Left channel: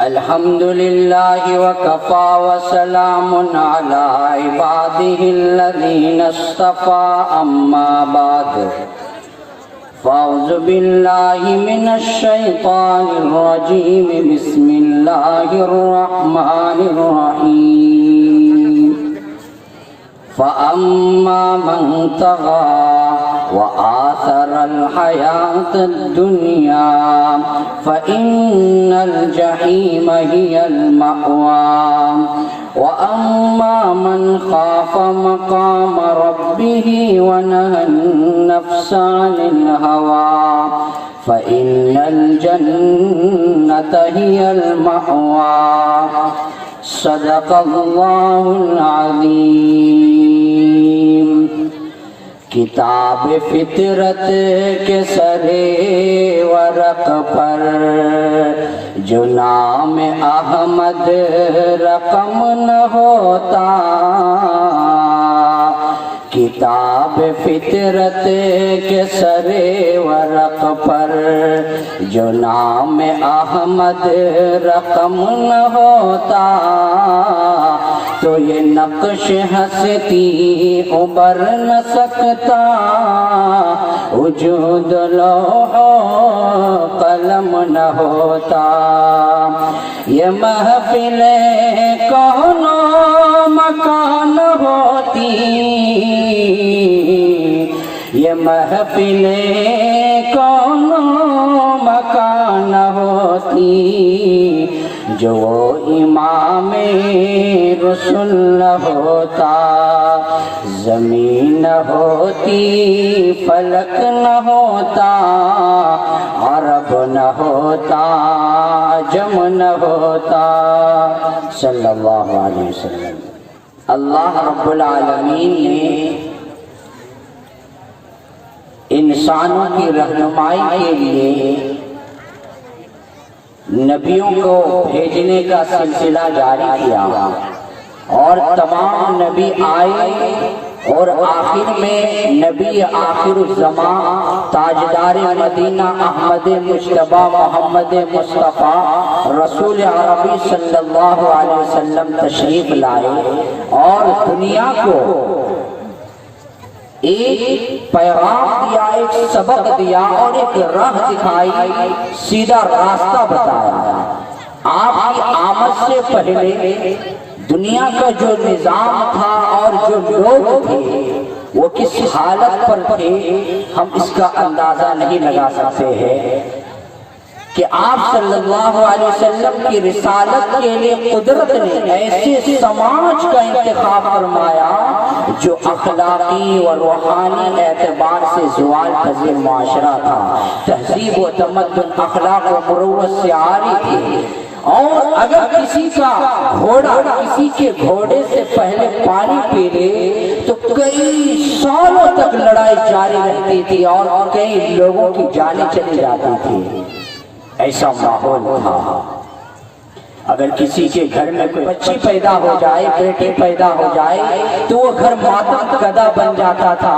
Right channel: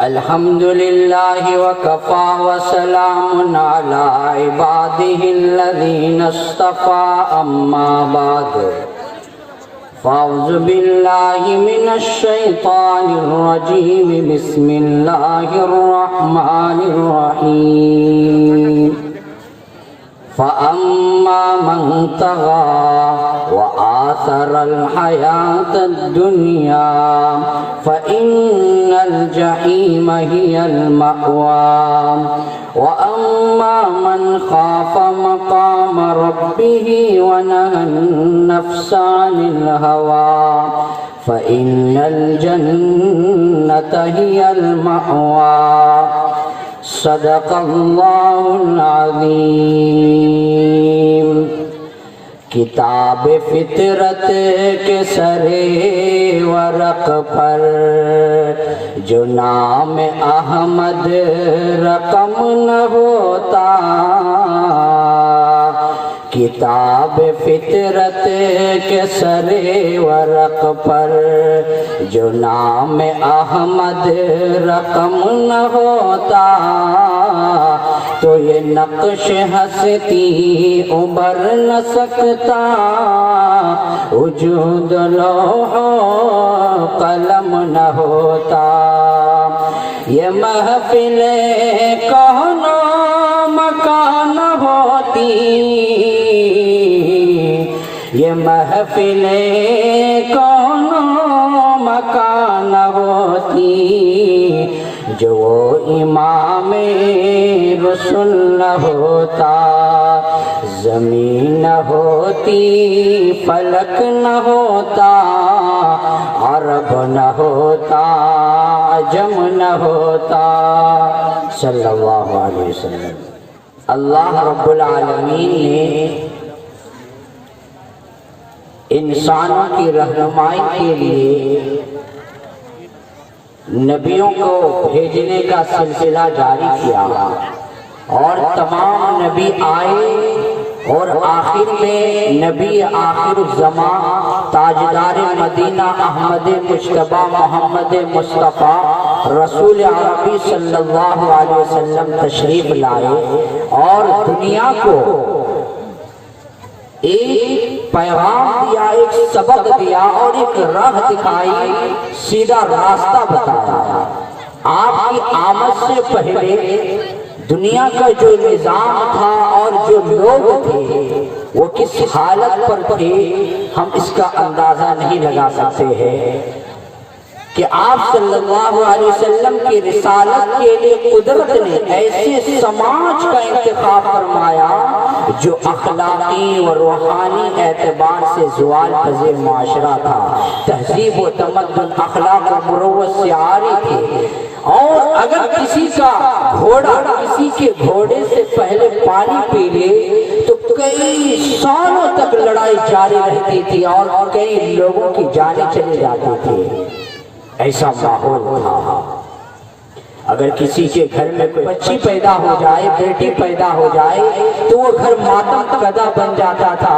الحمد لله وكفى وسلام على عباده الذين اصطفى أما بعد فأعوذ بالله من الشيطان الرجيم بسم الله الرحمن الرحيم فأما من طغى وآثر الحياة الدنيا فإن الجحيم هي المأوى وأما من خاف مقام ربه ونهى النفس عن الهوى فإن الجنة هي المأوى صدق الله العظيم کتاب فطرت کے سرے ورق پر جو نام احمد رقم نہ ہوتا کتاب فطرت کے سرے ورق پر جو نام احمد رقم نہ ہوتا تو یہ نقش ہستی ابھر نہ سکتا وجود لوح قلم نہ ہوتا یہ محفل کون و مکان ہوتی یہ محفل کون و مکان ہوتی جو امام رسول نہ ہوتا زمین نہ ہوتی فلک نہ ہوتا عرب نہ ہوتا عجم نہ ہوتا صلی اللہ علیہ وسلم۔ اللہ رب العالمین نے انسانوں کی رہنمائی کے لیے نبیوں کو بھیجنے کا سلسلہ جاری کیا اور تمام نبی آئے اور آخر میں نبی آخر الزمان تاجدار مدینہ احمد مجتبی محمد مصطفیٰ رسول عربی صلی اللہ علیہ وسلم تشریف لائے اور دنیا کو ایک پیغام دیا، ایک سبق دیا اور ایک راہ دکھائی، سیدھا راستہ بتایا۔ آپ کی آمد سے پہلے دنیا کا جو نظام تھا اور جو لوگ تھے وہ کس حالت پر تھے ہم اس کا اندازہ نہیں لگا سکتے ہیں کہ آپ صلی اللہ علیہ وسلم کی رسالت کے لیے قدرت نے ایسے سماج کا انتخاب فرمایا جو اخلاقی و روحانی اعتبار سے زوال پذیر معاشرہ تھا، تہذیب و تمدن اخلاق و مروت سے عاری تھی، اور اگر کسی کا گھوڑا کسی کے گھوڑے سے پہلے پانی پی لے تو کئی سالوں تک لڑائی جاری رہتی تھی اور کئی لوگوں کی جانیں چلی جاتی تھی۔ ایسا ماحول تھا۔ اگر کسی کے گھر میں کوئی بچی پیدا ہو جائے، بیٹی پیدا ہو جائے تو وہ گھر ماتم کدا بن جاتا تھا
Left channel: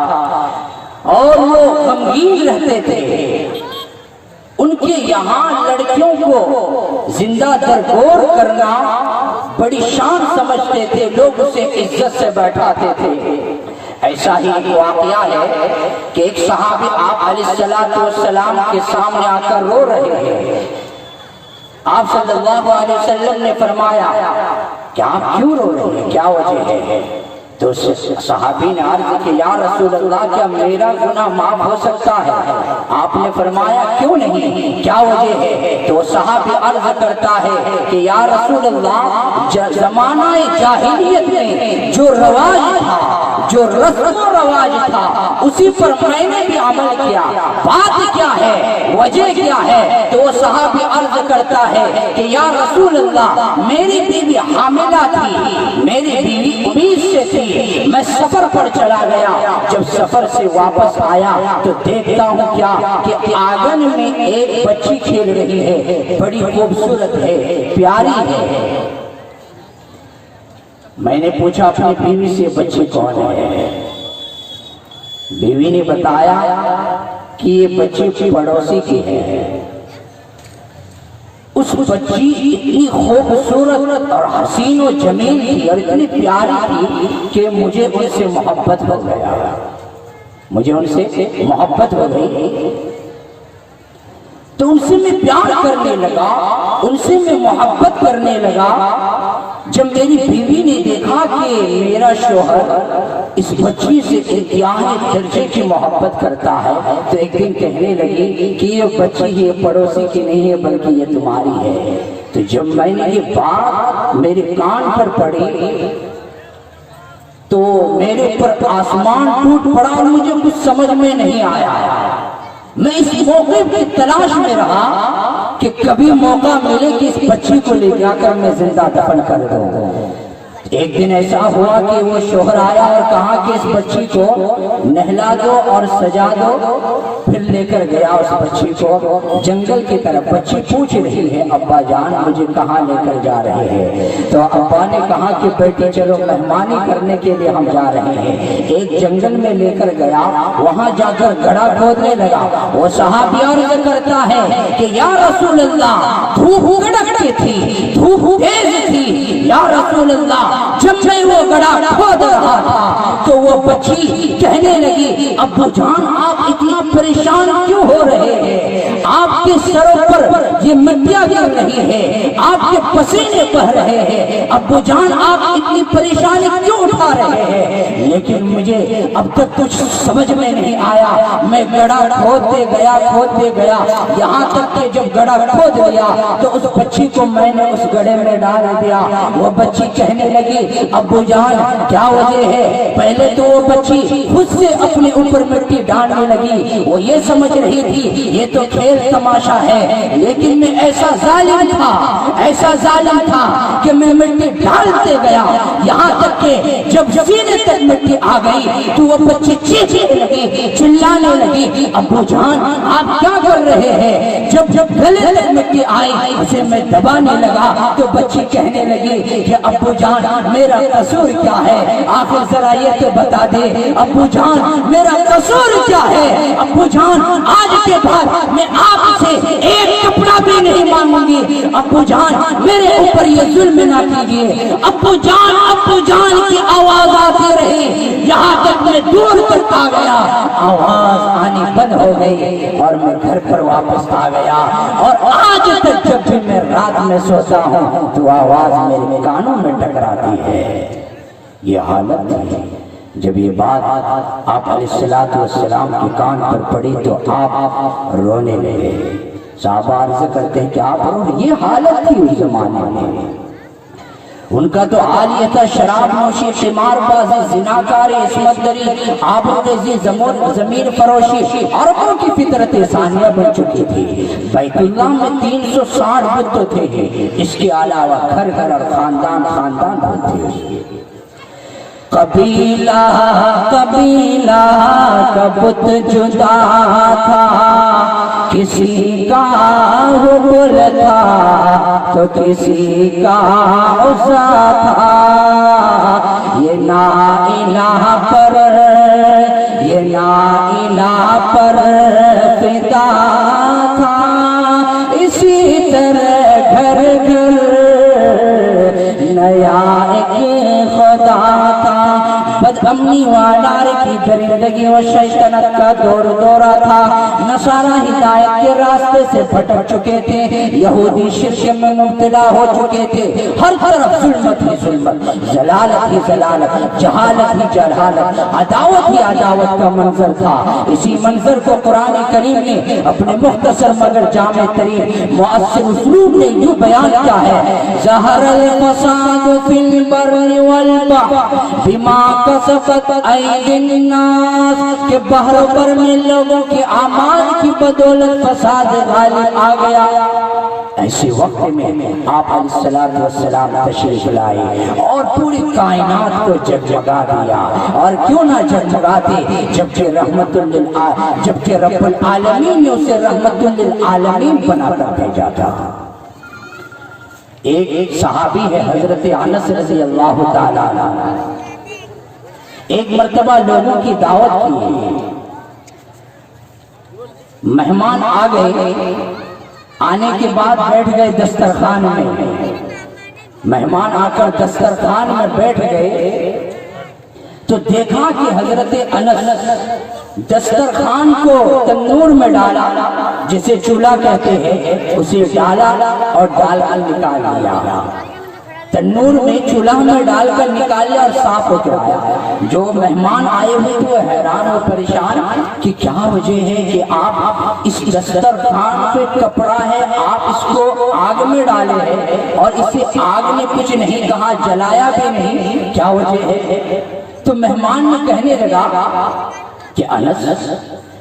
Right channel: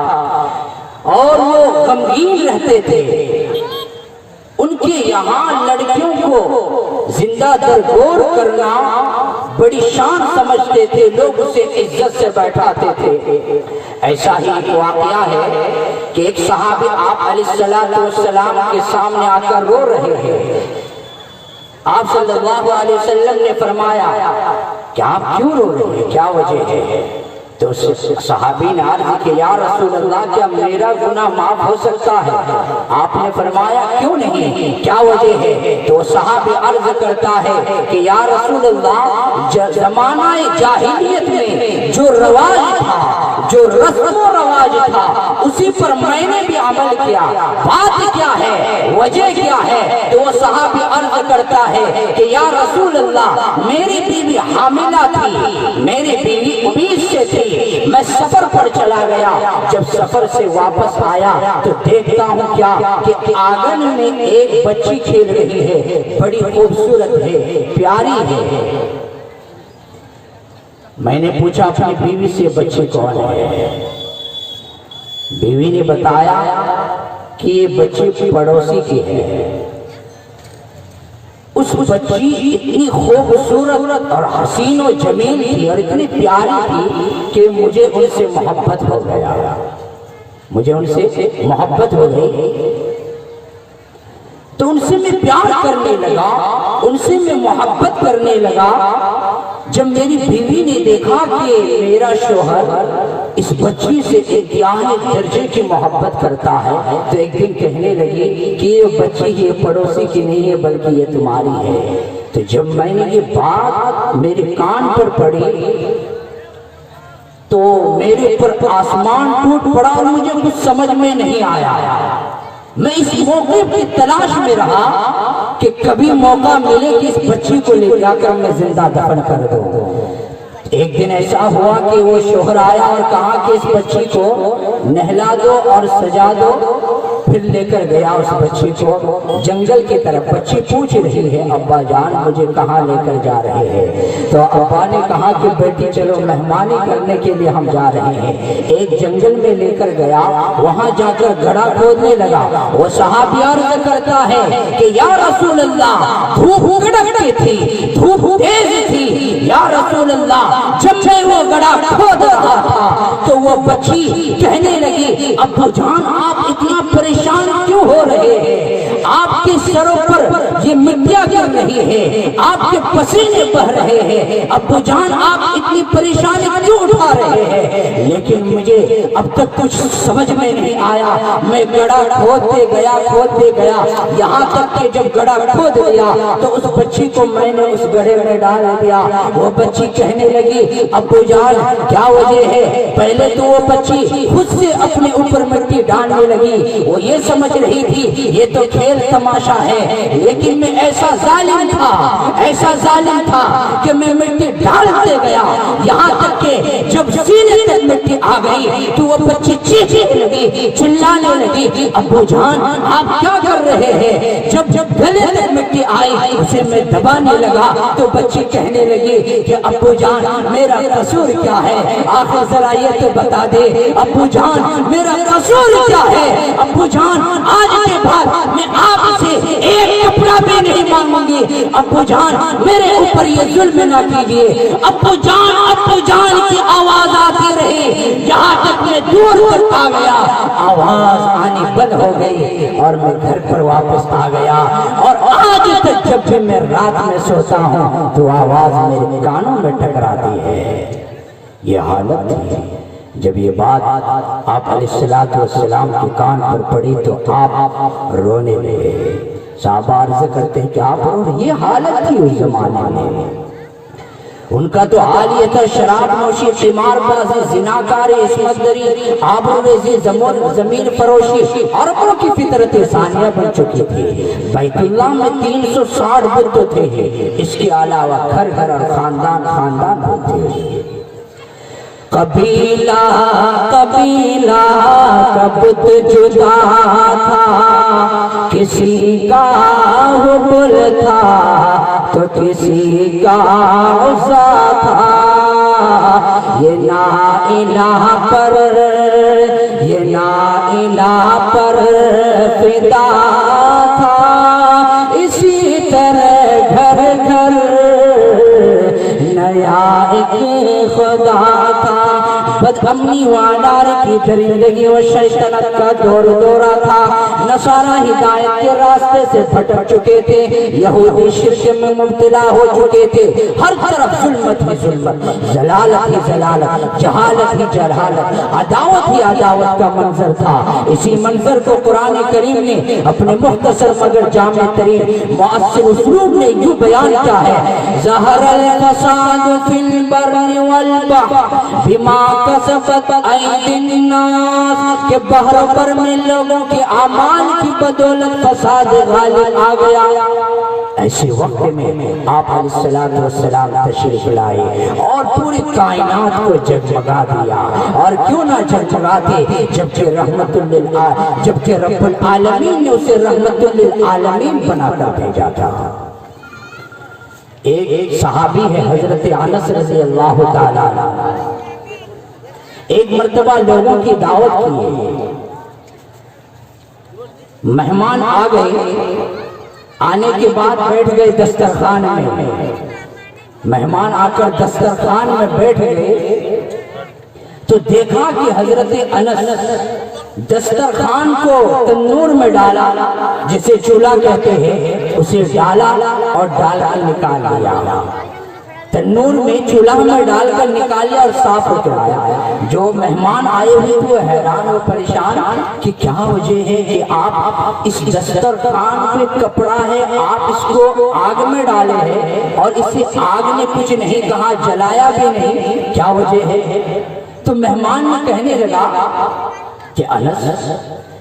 اور وہ غمگین رہتے تھے۔ ان کے یہاں لڑکیوں کو زندہ درگور کرنا بڑی شان سمجھتے تھے، لوگ اسے عزت سے بیٹھاتے تھے۔ ایسا ہی ایک واقعہ ہے کہ ایک صحابی آپ علیہ السلام کے سامنے آ کر رو رہے ہیں۔ آپ صلی اللہ علیہ وسلم نے فرمایا کہ آپ کیوں رو رہے ہیں، کیا وجہ ہے؟ تو صحابی نے عرض کہ یا رسول اللہ کیا میرا گناہ معاف ہو سکتا ہے؟ آپ نے فرمایا کیوں نہیں، کیا وجہ ہے؟ تو صحابی عرض کرتا ہے کہ یا رسول اللہ زمانہ جاہلیت میں جو رواج تھا، جو رسم و رواج تھا اسی پر میں نے بھی عمل کیا، بات کیا ہے، وجہ کیا ہے؟ تو وہ صحابی عرض کرتا ہے کہ یا رسول اللہ میری بیوی حاملہ تھی، میری بیوی امید سے تھی، میں سفر پر چلا گیا، جب سفر سے واپس آیا تو دیکھتا ہوں کیا کہ آنگن میں ایک بچی کھیل رہی ہے، بڑی خوبصورت ہے، پیاری ہے۔ میں نے پوچھا اپنی بیوی سے بچی کون ہے؟ بیوی نے بتایا کہ یہ بچی پڑوسی کی ہے۔ اس بچی اتنی خوبصورت اور حسین و جمیل تھی اور اتنی پیاری تھی کہ مجھے ان سے محبت ہو گیا، مجھے ان سے محبت ہو گئی، تو ان سے میں پیار کرنے لگا، ان سے میں محبت کرنے لگا۔ جب میری بیوی نے دیکھا کہ میرا شوہر اس بچی سے انتہائی درجے کی محبت کرتا ہے تو ایک دن کہنے لگی کہ یہ بچی یہ پڑوسی کی نہیں ہے بلکہ یہ تمہاری ہے۔ تو جب میں نے یہ بات میرے کان پر پڑی تو میرے اوپر آسمان ٹوٹ پڑا، مجھے کچھ سمجھ میں نہیں آیا۔ میں اس موقع کی تلاش میں رہا کہ کبھی موقع ملے کہ اس بچی کو لے جا کر میں زندہ دفن کر دوں۔ ایک دن ایسا ہوا کہ وہ شوہر آیا اور کہا کہ اس بچی کو نہلا دو اور سجا دو، پھر لے کر گیا اس بچی کو جنگل کی طرف۔ بچی پوچھ رہی ہے ابا جان مجھے کہاں لے کر جا رہے ہیں؟ تو ابا نے کہا کہ بیٹی چلو مہمانی کرنے کے لیے ہم جا رہے ہیں۔ ایک جنگل میں لے کر گیا، وہاں جا کر گڑھا کھودنے لگا۔ وہ صحابی عرض کرتا ہے کہ یا رسول اللہ دھوپ کڑکتی تھی، دھوپ تیز تھی، یا رسول اللہ جب سے وہ گڑھا کھود رہا تھا تو وہ بچی کہنے لگی ابو جان آپ اتنا پریشان کیوں ہو رہے ہیں؟ آپ کے سروں پر یہ مٹیاں کیوں نہیں ہے؟ آپ کے پسینے بہ رہے ہیں، ابو جان آپ اتنی پریشانی کیوں اٹھا رہے ہیں؟ لیکن مجھے اب تک کچھ سمجھ میں نہیں آیا۔ میں گڑھا کھودتے گیا یہاں تک کہ جب گڑھا کھود لیا تو اس بچی کو میں نے اس گڑھے میں ڈال دیا۔ وہ بچی کہنے لگی ابو جان کیا وجہ ہے؟ پہلے تو وہ بچی خود سے اپنے اوپر مٹی ڈالنے لگی، وہ یہ سمجھ رہی تھی یہ تو کھیل تماشا ہے، لیکن میں ایسا ظالم تھا کہ میں مٹی ڈالتے گیا، یہاں تک کہ جب سینے تک مٹی آ گئی تو وہ بچی چیخنے لگی، چلانے لگی ابو جان آپ کیا کر رہے ہیں؟ جب گلے تک مٹی آئی اسے میں دبانے لگا تو بچی کہنے لگی کہ ابو جان میرا قصور کیا ہے؟ آخر ذرا یہ تو بتا دے ابو جان میرا قصور کیا ہے؟ ابو جان آج کے بعد میں آپ سے ایک کپڑا بھی نہیں مانگوں گی، ابو جان میرے اوپر یہ ظلم نہ کیجیے۔ ابو جان کی آواز آتی رہی، یہاں تک میں دور تک آ گیا، آواز آنی بند ہو گئی اور میں گھر پر واپس آ گیا۔ اور آج تک جب بھی میں رات میں سوتا ہوں تو آواز میرے کانوں میں ٹکراتی ہے۔ یہ حالت تھی۔ جب یہ بات آپ علیہ السلام کے کان پر پڑی تو آپ رونے لگے۔ صحابہ عرض کرتے ہیں کہ آپ یہ حالت تھی اس زمانے میں، ان کا تو حال یہ تھا شراب نوشی، قمار بازی، زناکاری، عصمت دری، آبروریزی، زمین فروشی، عربوں کی فطرت ثانیہ بن چکی تھی۔ بیت اللہ میں 360 بت تھے، اس کے علاوہ گھر گھر اور خاندان ہوتے۔ قبیلہ کا بت جدا تھا، کسی کا ربل تھا تو کسی کا عزا تھا، یہ نا الہ پر فدا تھا، اسی طرح گھر نیا ایک خدا تھا۔ بد امنی و انار کی درندگی و شیطنت کا دورہ تھا، نصارہ ہدایت کے راستے سے بھٹک چکے تھے، یہودی شرک میں مبتلا ہو چکے تھے، ہر طرف ظلمت ہی ظلمت، ضلالت ہی ضلالت، جہالت ہی جہالت، عداوت ہی عداوت کا منظر تھا۔ اسی منظر کو قرآن کریم نے اپنے مختصر مگر جامع ترین مؤثر اسلوب نے یوں بیان کیا ہے، ظہر الفساد فی البر والبحر بما کسبت ایدی الناس، کہ بحر پر میں لوگوں کے اعمال کی بدولت فساد غالب آ گیا۔ ایسے وقت میں آپ علیہ السلام تشریف لائے اور پوری کائنات کو جگجگا دیا، اور کیوں نہ جگجگاتے جبکہ جبکہ رب العالمین نے اسے رحمت للعالمین بنا کر بھیجا تھا۔ ایک صحابی ہے حضرت انس رضی اللہ تعالیٰ عنہ، ایک مرتبہ لوگوں کی دعوت کی، مہمان آ گئے آنے کے بعد بیٹھ گئے دسترخوان میں، مہمان آ کر دسترخوان میں بیٹھ گئے تو دیکھا کہ حضرت انس دسترخوان کو تندور میں ڈالا، جسے چولہا کہتے ہیں، اسے ڈالا اور ڈال کر نکال لیا، تنور میں چولہا میں ڈال کر نکال لیا اور صاف ہو کے آیا۔ جو مہمان آئے ہوئے تھے حیران اور پریشان کہ کیا وجہ ہے کہ آپ اس دسترخوان پہ کپڑا ہے، آپ اس کو آگ میں ڈالے ہیں اور اسے آگ میں کچھ نہیں کہا، جلایا بھی نہیں، کیا وجہ ہے؟ تو مہمان نے کہنے لگا کہ انس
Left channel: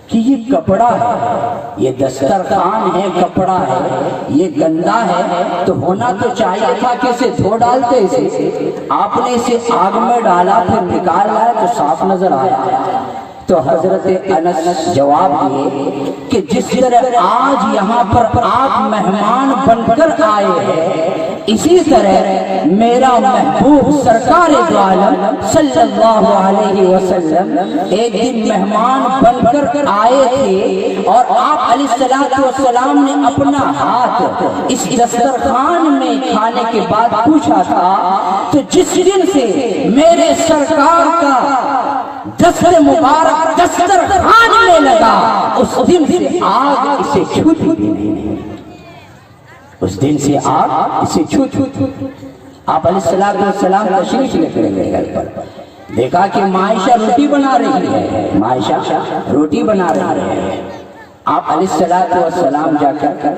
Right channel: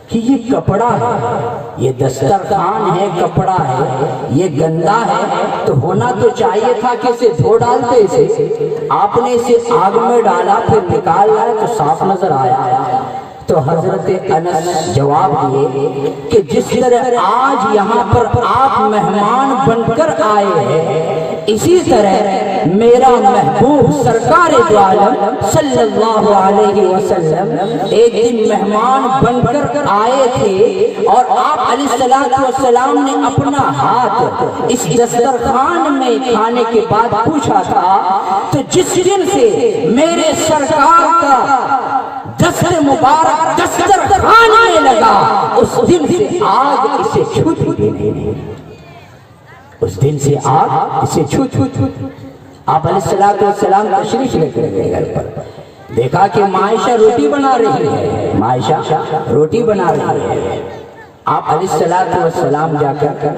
کہ یہ کپڑا ہے، یہ دسترخوان ہے، کپڑا ہے، یہ گندا ہے، تو ہونا تو چاہیے تھا کہ اسے دھو ڈالتے، اسے آپ نے اسے آگ میں ڈالا پھر نکال لائے تو صاف نظر آیا۔ تو حضرت انس جواب دیے کہ جس طرح آج یہاں پر آپ مہمان بن کر آئے ہیں، اسی طرح میرا محبوب سرکار دو عالم صلی اللہ علیہ وسلم ایک دن مہمان بن کر آئے تھے اور آپ علیہ السلام نے اپنا ہاتھ اس دسترخوان میں کھانے کے بعد پوچھا تھا، تو جس دن سے میرے سرکار کا دستر مبارک دسترخوان میں لگا، اس دن سے آگ اسے چھوتی بھی نہیں، اس دن سے آگ اسے چھوتی۔ آپ علیہ السلام تشریف لے کر گئے گھر پر، دیکھا کہ معائشہ روٹی بنا رہی ہے، معائشہ روٹی بنا رہی ہے۔ آپ علیہ السلام جا کر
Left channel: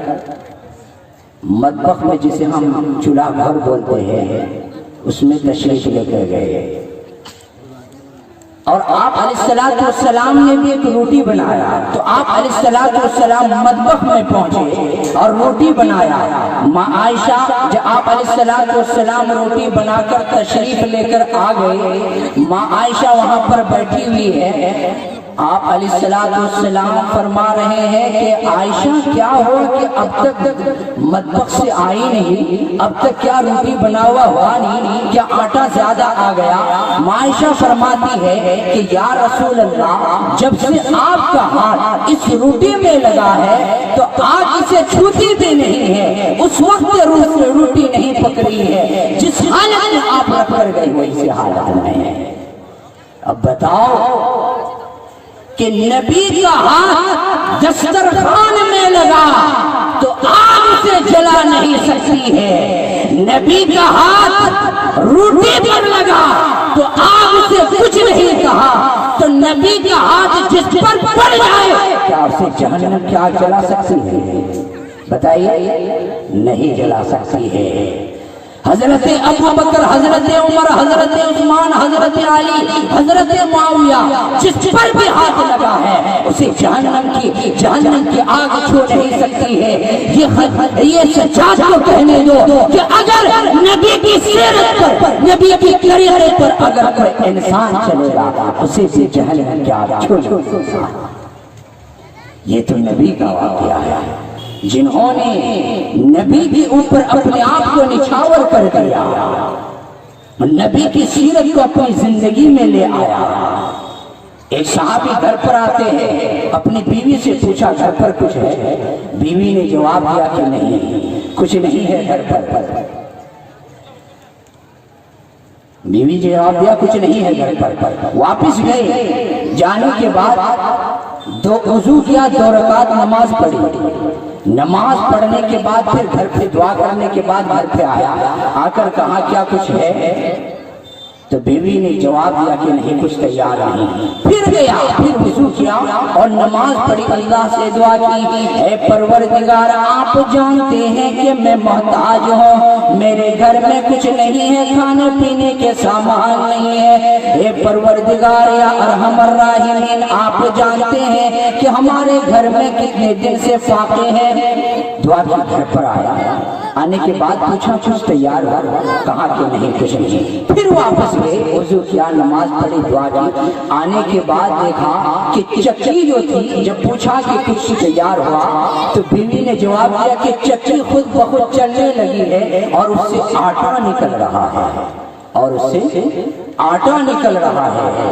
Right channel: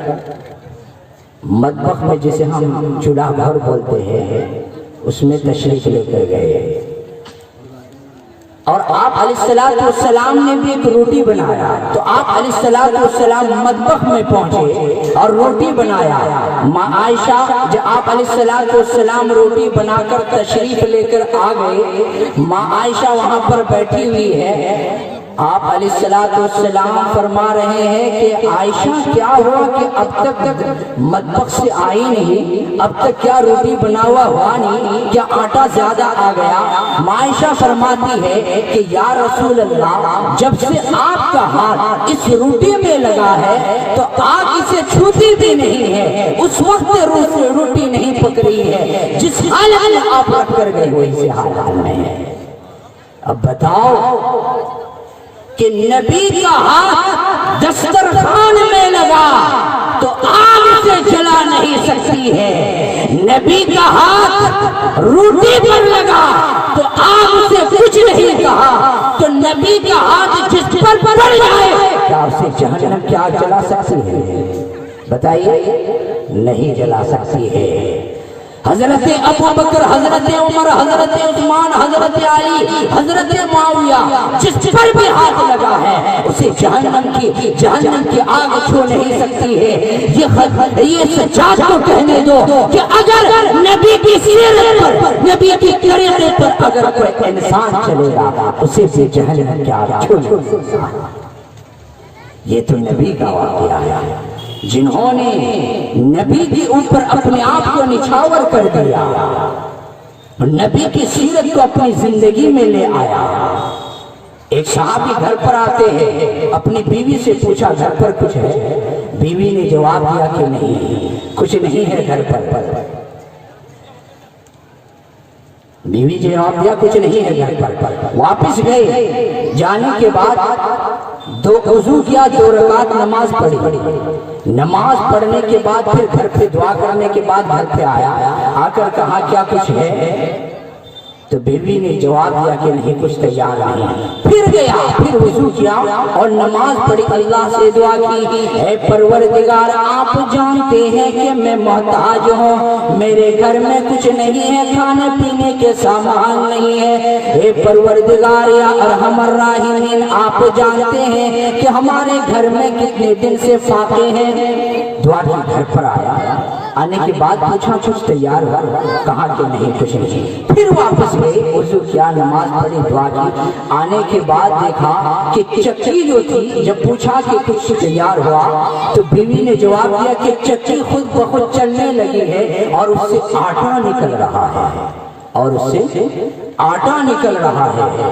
مطبخ میں، جسے ہم چولہا گھر بولتے ہیں، اس میں تشریف لے کر گئے اور آپ علیہ السلام نے بھی ایک روٹی بنایا۔ تو آپ علیہ السلام مطبخ میں پہنچے اور روٹی بنایا۔ ماں عائشہ جب آپ علیہ السلام روٹی بنا کر تشریف لے کر آ گئے، ماں عائشہ وہاں پر بیٹھی ہوئی ہے، آپ علیہ السلام فرما رہے ہیں کہ عائشہ کیا ہوا کہ اب تک مطبخ سے آئی نہیں، اب تک کیا روٹی بنا ہوا نہیں، کیا آٹا زیادہ آ گیا؟ عائشہ فرماتی ہے کہ یا رسول اللہ، جب سے آپ کا ہاتھ اس روٹی میں لگا ہے تو آگ اسے چھوتی بھی نہیں ہے، اس وقت روٹی نہیں پکڑی ہے جس حالت میں آپ رکھ کر گئی ویسے حالت میں ہے۔ اب بتاؤ کہ نبی کا ہاتھ دسترخوان میں لگا تو آگ سے جلا نہیں سکتی ہے، نبی کا ہاتھ روٹی پر لگا تو آگ سے کچھ نہیں کہا، تو نبی کا ہاتھ جس پر پڑ جائے کیا اسے جہنم کیا جلا سکتی ہے؟ بتائیے، نہیں جلا سکتی ہے۔ حضرت ابو بکر، حضرت عمر، حضرت عثمان، حضرت علی، حضرت معاویہ، جس پر بھی ہاتھ لگا ہے اسے جہنم کی آگ چھو نہیں سکتی ہے۔ یہ سجاد کو کہنے دو کہ اگر نبی کی سیرت پر، نبی کی طریقے پر اگر کوئی انسان چلے گا اسے بھی جہنم کی آگ چھو نہیں سکتا۔ یہ تو نبی کا واقعہ ہے، جنہوں نے نبی کے اوپر اپنے آپ کو نچھاور کر دیا، نبی کی سیرت کو اپنی زندگی میں لے آیا۔ ایک صحابی گھر پر آتے ہیں، اپنی بیوی سے پوچھا گھر پر کچھ ہے؟ بیوی نے جواب دیا کہ نہیں، کچھ نہیں ہے گھر پر۔ بیوی جواب دیا کچھ نہیں ہے گھر پر۔ واپس گئے، جانے کے بعد دو وضو کیا، 2 رکعت نماز پڑھی، نماز پڑھنے کے بعد پھر گھر پہ دعا کرنے کے بعد گھر پہ آیا، آ کر کہا کیا کچھ ہے؟ تو بیوی نے جواب دیا کہ نہیں، کچھ تیار نہیں۔ پھر گیا، پھر وضو کیا اور نماز پڑھی، اللہ سے دعا کی، اے پروردگار آپ جانتے ہیں کہ میں محتاج ہوں، میرے گھر میں کچھ نہیں ہے، کھانے پینے کے سامان نہیں ہے، اے پروردگار یا ارحم الراحمین آپ جانتے ہیں کہ ہمارے گھر میں کتنے دن سے فاقے ہیں۔ دعا کی، گھر پر آیا، آنے کے بعد پوچھا کچھ تیار ہو؟ کہا کہ نہیں، کچھ نہیں۔ پھر واپس گئے، وضو کیا، نماز پڑھی، دعا کی، آنے کے بعد دیکھا کہ چکی جو تھی، جب پوچھا کہ کچھ تیار ہوا تو بیوی نے جواب دیا کہ چکی خود بخود چلنے لگی ہے اور اس سے آٹا نکل رہا ہے، اور اس سے آٹا نکل رہا ہے۔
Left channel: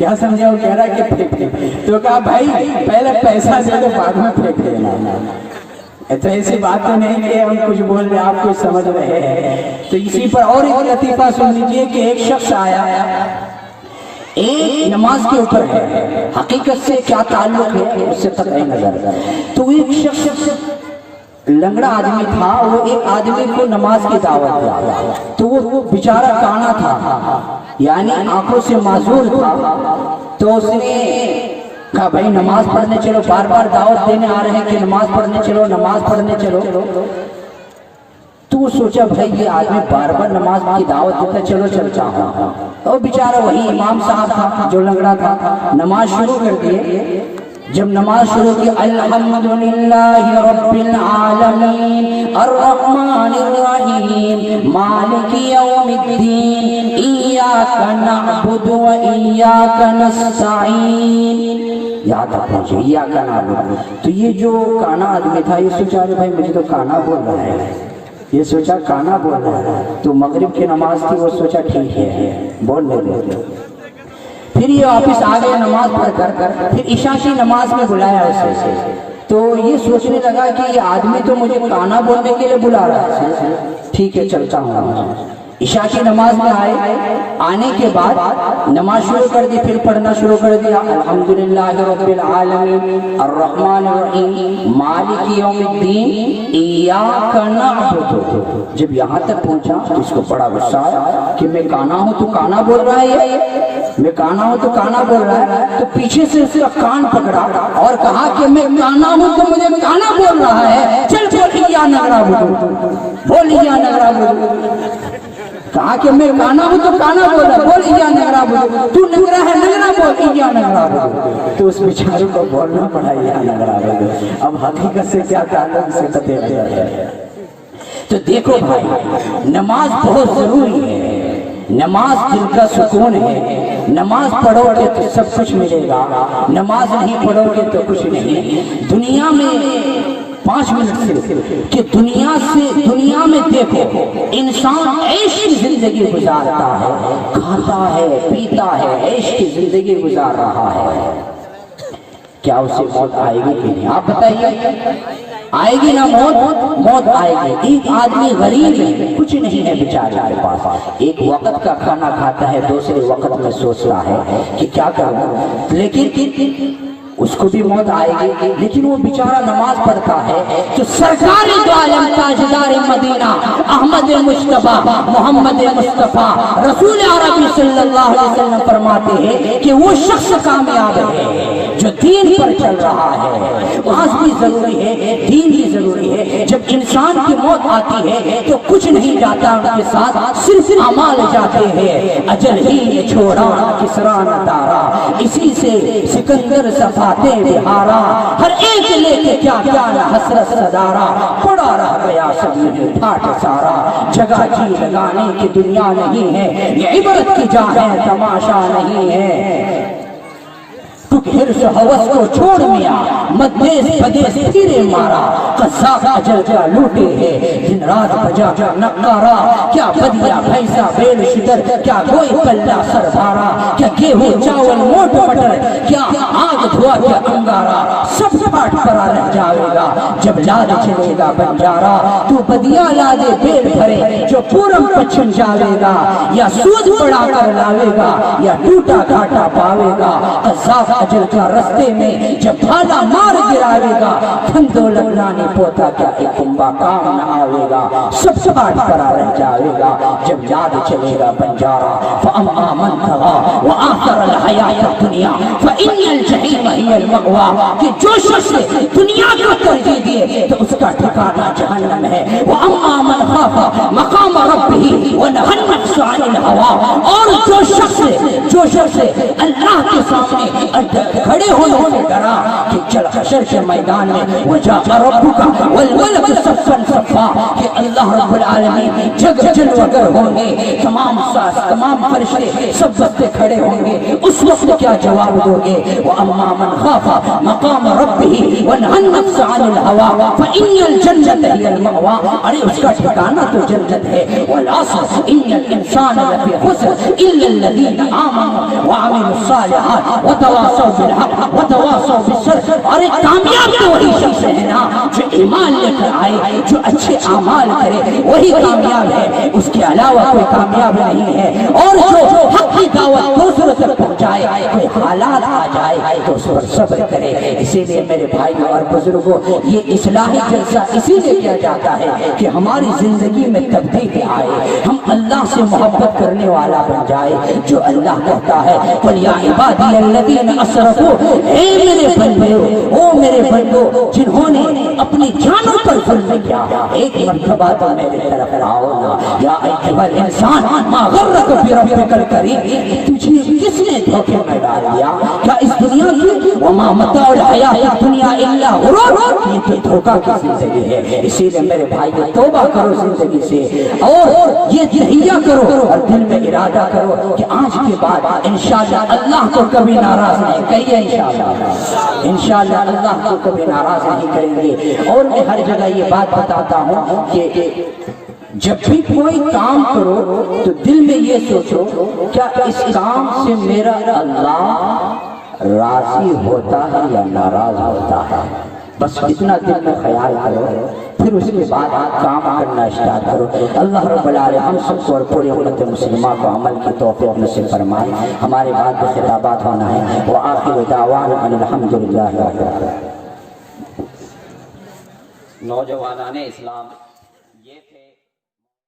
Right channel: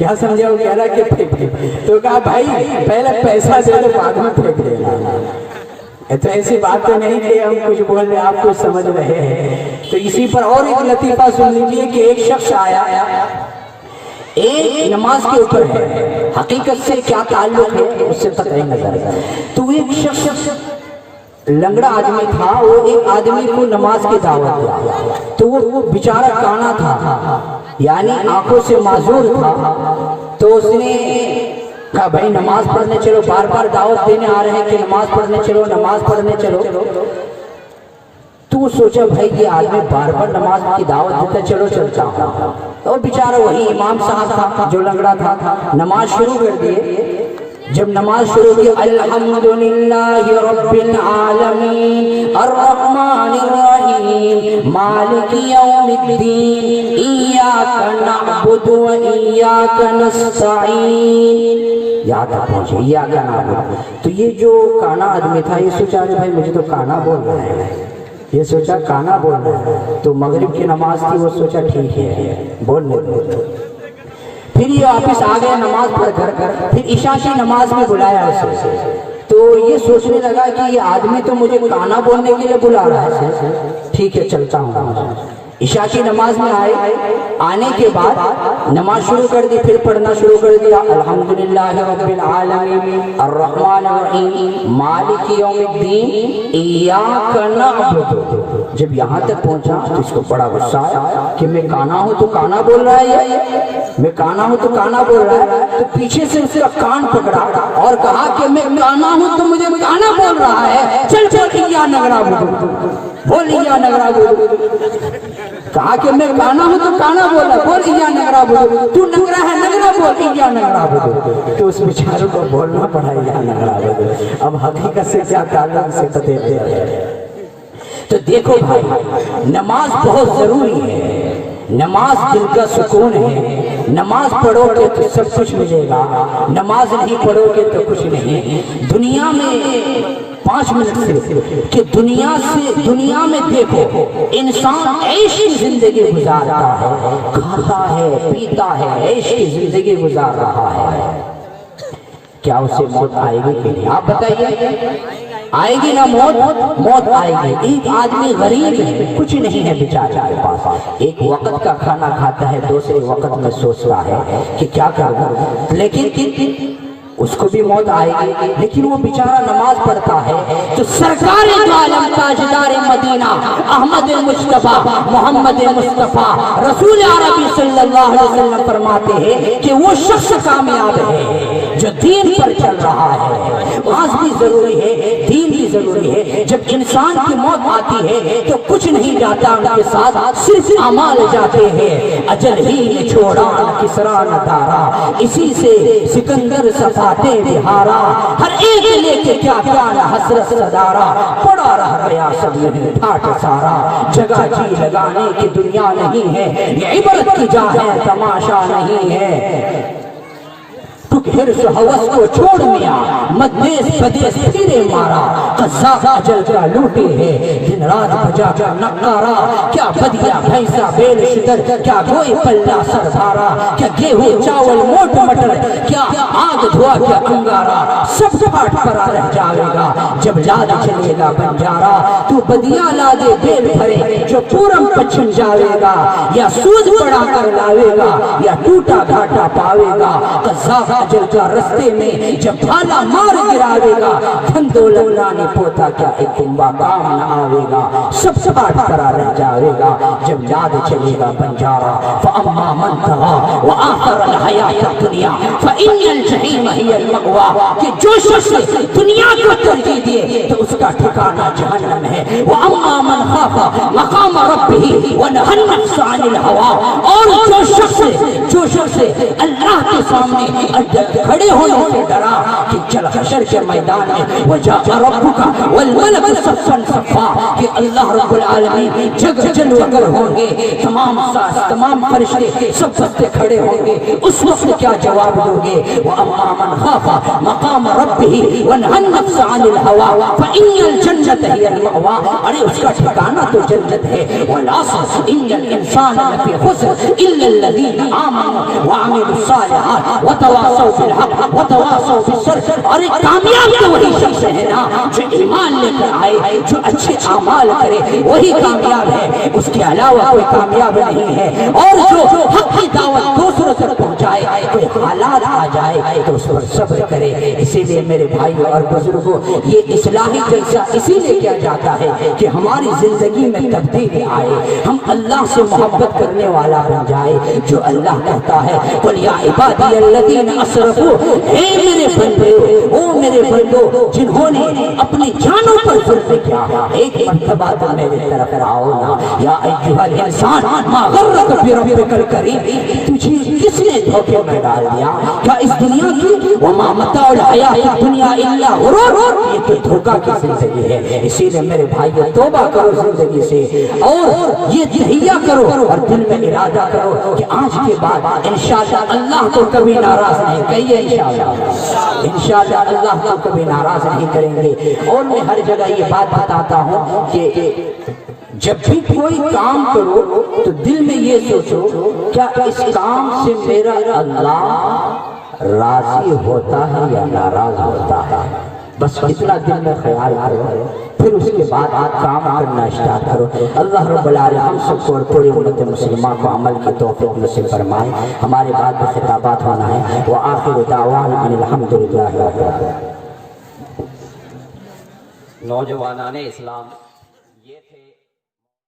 کیا سمجھا؟ وہ کہہ رہا کہ پھینک دے. تو کہا بھائی پہلے پیسہ دے دو بعد میں پھینک دینا. تو ایسی بات تو نہیں کہ ہم کچھ بول رہے آپ کچھ سمجھ رہے ہیں. تو اسی پر اور ایک لطیفہ سن لیجیے کہ ایک شخص آیا, ایک نماز کے اوپر ہے, حقیقت سے کیا تعلق ہے اس سے پتہ نہیں نظر. تو ایک شخص لنگڑا آدمی تھا, وہ ایک آدمی کو نماز کی دعوت دیا. تو وہ بیچارہ کانا تھا, یعنی آنکھوں سے معذور تھا. تو اس نے کہا بھائی نماز پڑھنے چلو, بار بار دعوت دینے آ رہے ہیں کہ نماز پڑھنے چلو نماز پڑھنے چلو. تو وہ سوچا بھائی یہ آدمی بار بار نماز کی دعوت دیتا, چلو چلتا ہوں. اور بیچارہ وہی امام صاحب تھا جو لنگڑا تھا, نماز شروع کر دیے. جب نماز شروع کی الحمدللہ رب العالمین الرحمن الرحیم مالک یوم الدین ایاک نعبد و ایاک نستعین, یہاں تک پہنچے ایاک نعبد. تو یہ جو کانا آدمی تھا یہ سوچا بھائی مجھے تو کانا بول رہا ہے, یہ سوچا کانا بول رہا ہے. تو مغرب کی نماز تھی, وہ سوچا ٹھیک ہے بول لے. پھر یہ واپس آ گئے نماز پڑھ کر. پھر عشاء کی نماز میں بلایا اسے. تو یہ سوچنے لگا کہ یہ آدمی تو مجھے کانا بولنے کے لیے بلا رہا ہے, ٹھیک ہے چلتا ہوں. عشاء کی نماز میں آئے, آنے کے بعد نماز شروع کر دی. پھر پڑھنا شروع کر دیا الحمدللہ رب العالمین الرحمن الرحیم مالک یوم الدین ایاک نعبد. جب یہاں تک پہنچا تو اس کو بڑا غصہ آیا کہ میں کانا ہوں تو کانا بول رہا ہے, میں کانا ہوں تو کانا بول رہا ہے. تو پیچھے سے اس کا کان پکڑا اور کہا کہ میں کانا ہوں تو مجھے کانا بول رہا ہے, چل چل ایاک نعبد بول, ایاک نعبد. کہا کہ میں کانا ہوں تو کانا بول رہا, بول ایاک نعبد. تو ننگرا ہے ننگرا بول ایاک نعبد. تو اس بیچارے کو بولنا پڑا ایاک نعبد. اب حقیقت سے کیا تعلق سے قطع ہے. تو دیکھو بھائی نماز بہت ضروری ہے, نماز دل کا سکون ہے. نماز پڑھو گے تو سب کچھ ملے گا, نماز نہیں پڑھو گے تو کچھ نہیں. دنیا میں 5 منٹ سے کہ دنیا میں دیکھو انسان عیش کی زندگی گزارتا ہے, کھاتا ہے پیتا ہے, عیش کی زندگی گزار رہا ہے. کیا اسے موت آئے گی کہ نہیں؟ آپ بتائیے, آئے گی نا موت؟ موت آئے گی. ایک آدمی غریب ہے, کچھ نہیں ہے بیچارے کے پاس, ایک وقت کا کھانا کھاتا ہے, دوسرے وقت میں سوچتا ہے کہ کیا کروں, لیکن اس کو بھی موت آئے گی. لیکن وہ بیچارہ نماز پڑھتا ہے. تو سرکار دو عالم تاجدار مدینہ احمد مصطفیٰ محمد مصطفیٰ رسول عربی صلی اللہ علیہ وسلم فرماتے ہیں کہ وہ شخص کامیاب ہے جو دین پر چل رہا ہے. نماز بھی ضروری ہے, دین بھی ضروری ہے. جب انسان کی موت آتی ہے تو کچھ نہیں جاتا ان کے ساتھ, صرف اعمال جاتے ہیں. اجل ہی نے چھوڑا کسرا نہ دارا, اسی سے سکندر صفاتے بہارا, ہر ایک لے کے کیا پیارا حسرت صدارا, پڑا رہ گیا سب نہیں ٹھاٹ سارا. جگہ جی لگانے کی دنیا نہیں ہے, یہ عبرت کی جا ہے تماشا نہیں ہے. تو حرص حوث کو چھوڑ میا مدیس بدیس پھرے مارا, قذاق اجل کا لوٹے ہے دن رات بجا کر نقارا. کیا بدیا بھینسا بیل شدر, کیا گوئے پلہ سر بھارا, کیا گیہوں چاول موٹ مٹر, کیا آگ دھوا کیا انگارا, سب پھاٹ کرا رہ جاوے گا جب لاد چلے گا بنجارا. تو بدیا لادے بیل بھرے جو پورم پچھم جاوے گا, یا سود پڑا کر لاوے گا یا ٹوٹا گھاٹا پاوے گا. قذاق اجل کا رستے میں جب بھالا مار گراوے گا, دھن دولت لانے پوتا کیا ایک کنبا کام نہ آوے گا. سب پھاٹ کرا رہ جاوے گا جب یاد چلے گا بنجارا. فَأَمَّا مَنْ طَغَىٰ وَآثَرَ الْحَيَاةَ الدُّنْيَا فَإِنَّ الْجَحِيمَ هِيَ الْمَأْوَىٰ. کہ جو شخص دنیا کو ترجیح دیے تو اس کا ٹھکانہ جہنم ہے. وَأَمَّا مَنْ خَافَ مَقَامَ رَبِّهِ وَنَهَى النَّفْسَ عَنِ الْهَوَىٰ. اور جو شخص اللہ کے سامنے کھڑے ہونے سے ڈرا کہ چل حشر کے میدان میں وَجَاءَ رَبُّكَ وَالْمَلَكُ صَفًّا صَفًّا, کہ اللہ رب العالمین جگ جلوگر ہوں گے، تمام ساز تمام فرشتے سب بستے کھڑے ہوں گے، اس وقت کیا جواب دو گے؟ وَأَمَّا مَنْ خَافَ مَقَامَ رَبِّهِ وَنَهَى النَّفْسَ عَنِ الْهَوَىٰ فَإِنَّ الْجَنَّةَ هِيَ الْمَأْوَىٰ، ارے اس کا ٹھکانہ تو جنت ہے۔ وَالْعَصْرِ إِنَّ الْإِنسَانَ لَفِي خُسْرٍ إِلَّا الَّذِينَ آمَنُوا وَعَمِلُوا الصَّالِحَاتِ وَتَوَاصَوْا بِالْحَقِّ وَتَوَاصَوْا بِالصَّبْرِ، ارے کامیاب تو وہی شخص ہے نا جو ایمان لے کر آئے، جو اچھے اعمال کرے، وہی کامیاب ہے، اس کے علاوہ کوئی کامیاب نہیں ہے۔ اور جو حق کی دعوت دوسروں تک پہنچائے، کوئی حالات آ جائے تو اس پر صبر کرے۔ اسی لیے میرے بھائیوں اور بزرگوں، یہ اصلاحی جلسہ اسی لیے کیا جاتا ہے کہ ہماری زندگی میں تبدیلی آئے، ہم اللہ سے محبت کرنے والا بن جائے، جو اللہ کہتا ہے قُلْ يَا عِبَادِيَ الَّذِينَ أَسْرَفُوا، اے میرے بندے، او میرے بندو جنہوں نے اپنی جانوں پر ظلم کیا، ایک مرتبہ تو میرے طرف آؤ نا۔ یا ایھا الانسان ما غرک بربک الکریم، تجھے کس نے دھوکے میں ڈال دیا؟ کیا اس دنیا کی وما متاع الحیات الدنیا الا غرور، یہ تو دھوکہ کی زندگی ہے۔ اسی لیے میرے بھائیو توبہ کرو زندگی سے، اور یہ تہیہ کرو اور دل میں ارادہ کرو کہ آج کے بعد انشاءاللہ اللہ کو کبھی ناراض نہیں، کہیے انشاءاللہ، انشاءاللہ اللہ کو کبھی ناراض نہیں کریں گے۔ اور میں ہر جگہ یہ بات بتاتا ہوں کہ جب بھی کوئی کام کرو تو دل میں یہ سوچو کیا اس کام سے میرا اللہ راضی ہوتا ہے یا ناراض ہوتا ہے، بس اتنا دل میں خیال کرو، پھر اس کے بعد کام کرنا اسٹارٹ کرو۔ اللہ رب العالمین سب کو اور پوری امت مسلمہ کو عمل کی توفیق نصیب فرمائے۔ ہمارے بعد خطابات ہونا ہے، وآخر دعوانا ان الحمدللہ رب العالمین۔ نوجوانان اسلام یہ تھے